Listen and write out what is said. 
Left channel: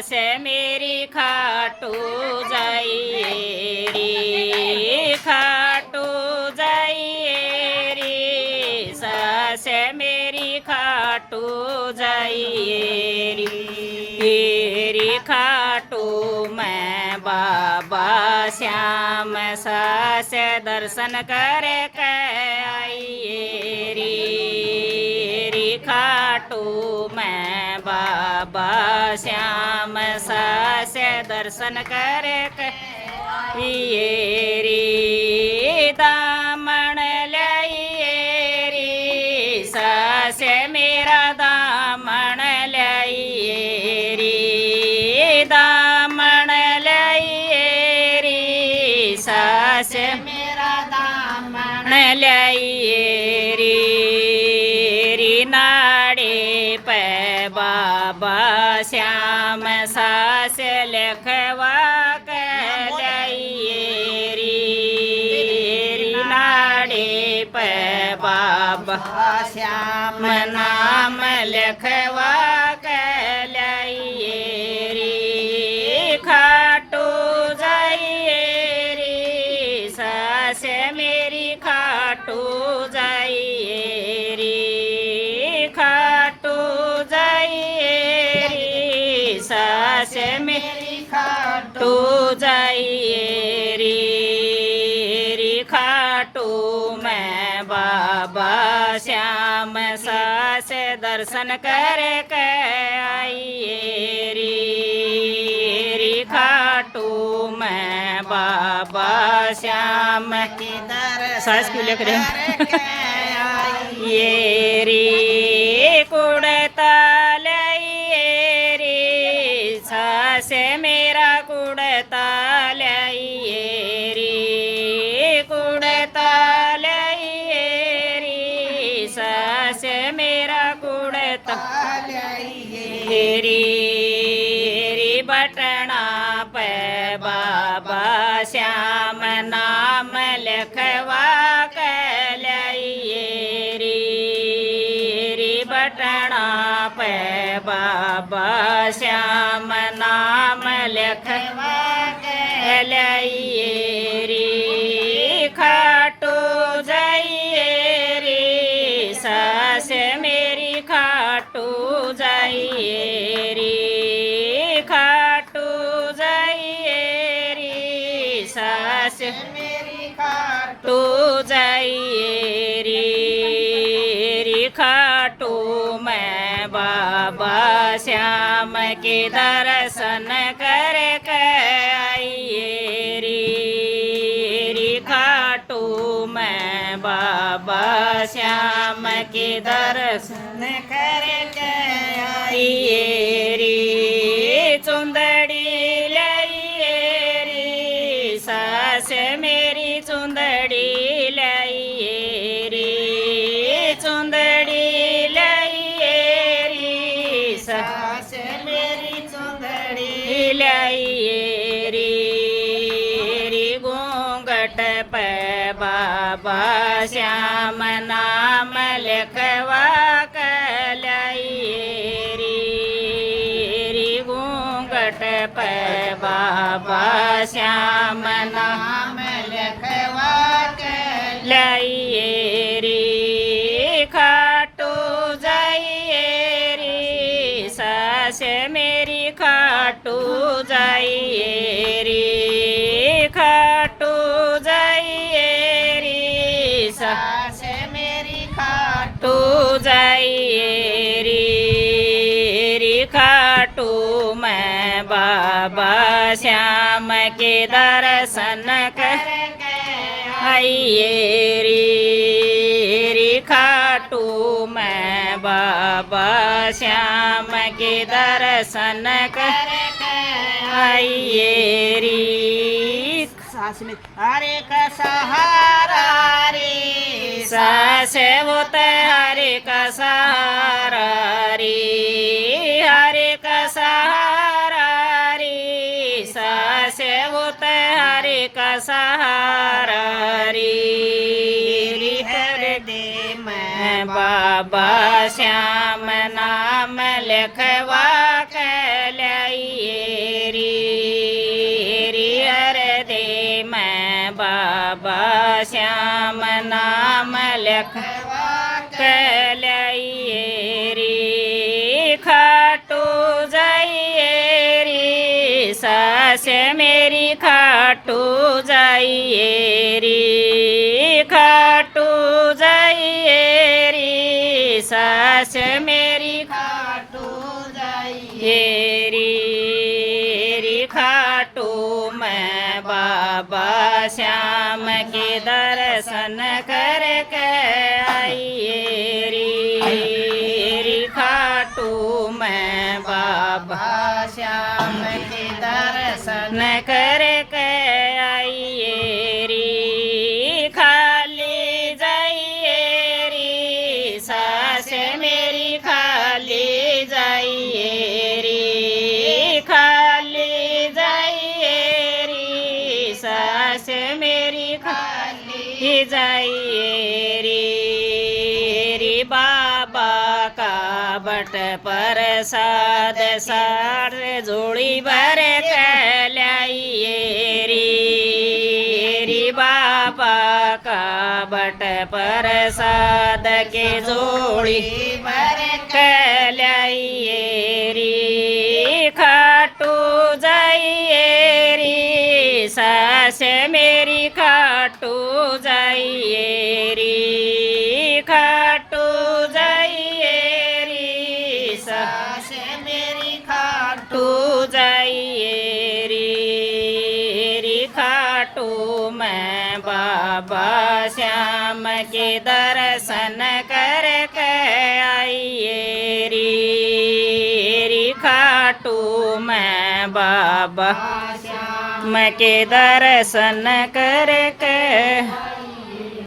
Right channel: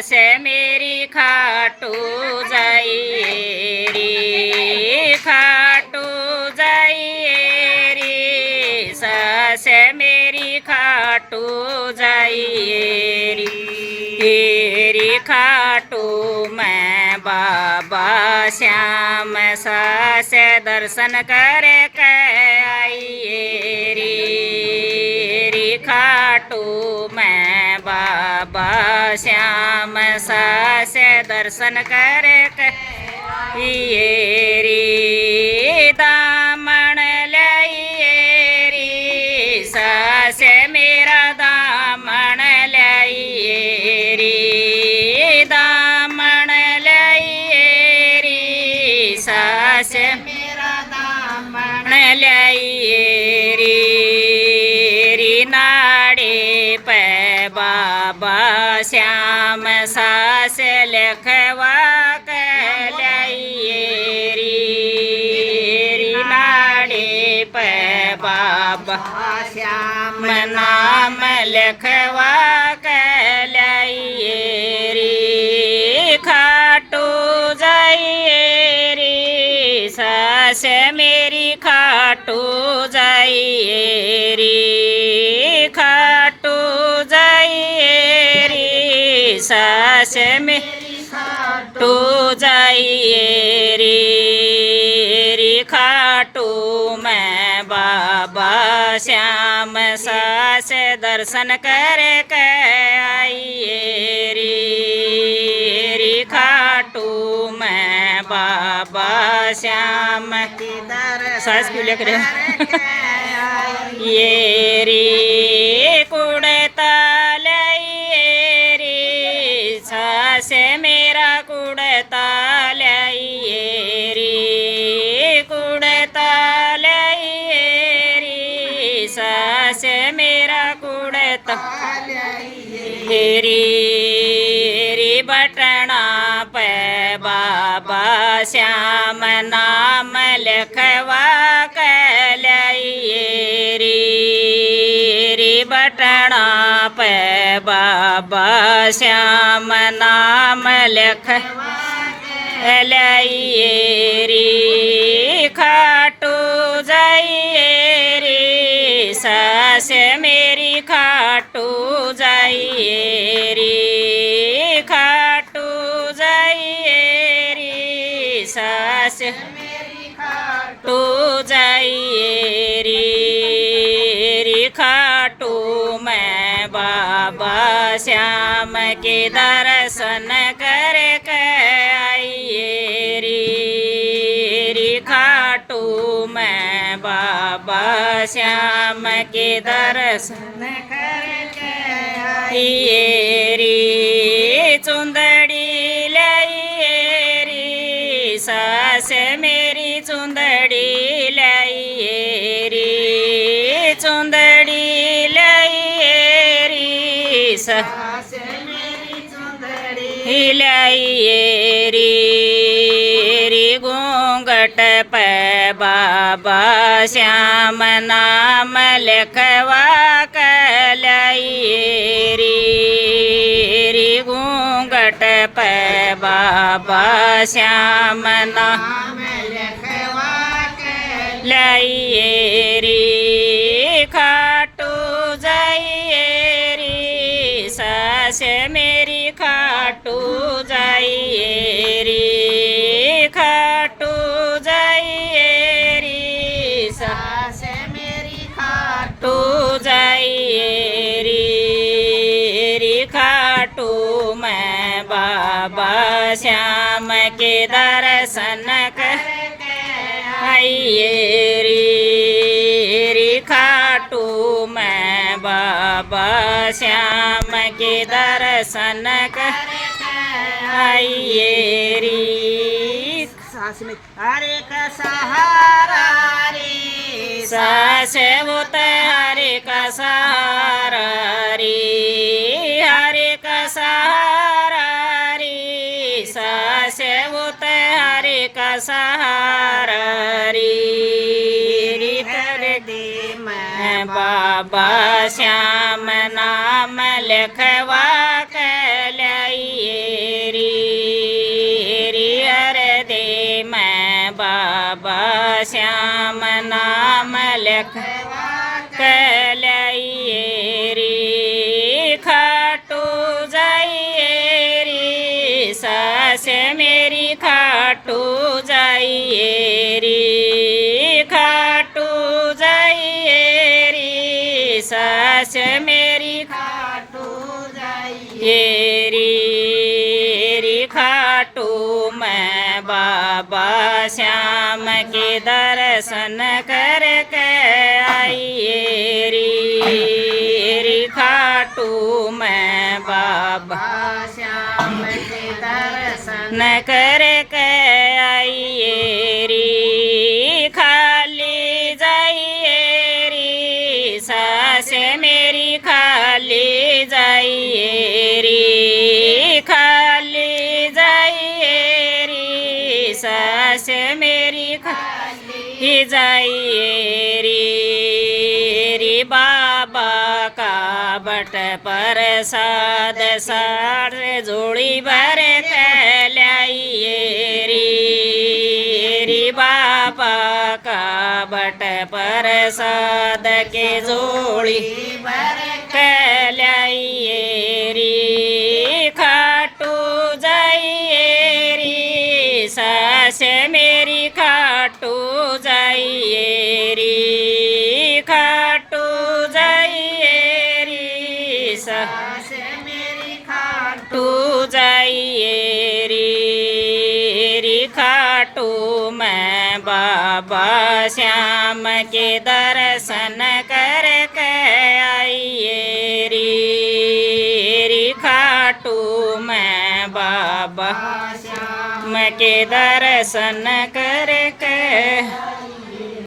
सास मेरी खाटू जाइए रे, खाटू जाइए रे, सास मेरी खाटू जाइए रे, खाटू मैं बाबा श्याम सास दर्शन करे के आइए रे, खाटू मैं बाबा श्याम सास दर्शन करे के रे, दामन लाइए रे, सास मेरा दामन लाइए रे, दामन लाइए रे, सास मेरा दामन लाइए रे, नाड़े पे बाबा श्याम सास लिखवा के लाइए रे, नाड़े पे बाबा श्याम नाम लिखवा के लाइए रे, खाटू जाइए रे, सास मेरी खाटू जाइए रे, खाटू जाइए रे, सास मेरी खाटू जाइए रे, खाटू मैं बाबा श्याम सास दर्शन करे के आइए रे, खाटू मैं बाबा श्याम सास को लेकर ये रे, कुड़ता लाइए रे, सास मेरा कुड़ता लाइए रे, कुड़ता लाइए रे, सास मेरा कुड़ता रे, बटना पे बाबा श्याम नाम लिखवा के लाइए रे, बटना पे बाबा श्याम नाम लिखवा के लाइए रे, खाटू जाइए रे, सास मेरी खाटू जाइए रे, खाटू जाइए रे, सास मेरी खाटू जाइए रे, खाटू मैं बाबा श्याम के दर्शन करके आइए रे, खाटू मैं बाबा श्याम के दर्शन करके आइए रे, चुंदड़ी लाइए रे, सास मेरी चुंदड़ी लाइए रे, चुंदड़ी लाइए रे, सास मेरी चुंदड़ी लाइए रे, घूंघट पे बाबा श्याम नाम लिखवा के लाइए रे, घूंघट पे बाबा श्याम नाम लिखवा के लाइए रे, खाटू जाइए रे, सास मेरी खाटू जाइए रे, खाटू जाइए रे, सास मेरी खाटू जाइए रे, खाटू मैं बाबा श्याम के दर्शन करके आइए रे, खाटू मैं बाबा श्याम के दर्शन करके आइए रे, सास में हरे का सहारा रे, सास वो हरे का सहारा रे, हरे का सहारा रे, सास वो हरे का सहारा रे, कर दे मैं बाबा श्याम नाम लिखवा के लाइए लखवा कहलाइए री खाटू जाइए री सास मेरी खाटू जाइए री खाटू जाइए री सास मेरी खाटू जाइए री खाटू मैं बाबा श्याम के दर्शन करके आइए री खाटू मैं बाबा श्याम के दर्शन करके आइए री खाली जाइए री सास मेरी खाली जाइए री खाली जाइए री सास मेरी खाली जाइए री बाबा का बट प्रसाद सार जोड़ी भर लाइए री बाबा का बट प्रसाद के जोड़ी भर लाइए री खाटू जाइए री सास मेरी खाटू जाइए री खाटू जाइए री सास मेरी खाटू जाइए री खाटू मैं बाबा श्याम के दर्शन करके आइए री खाटू मैं बाबा श्याम के दर्शन करके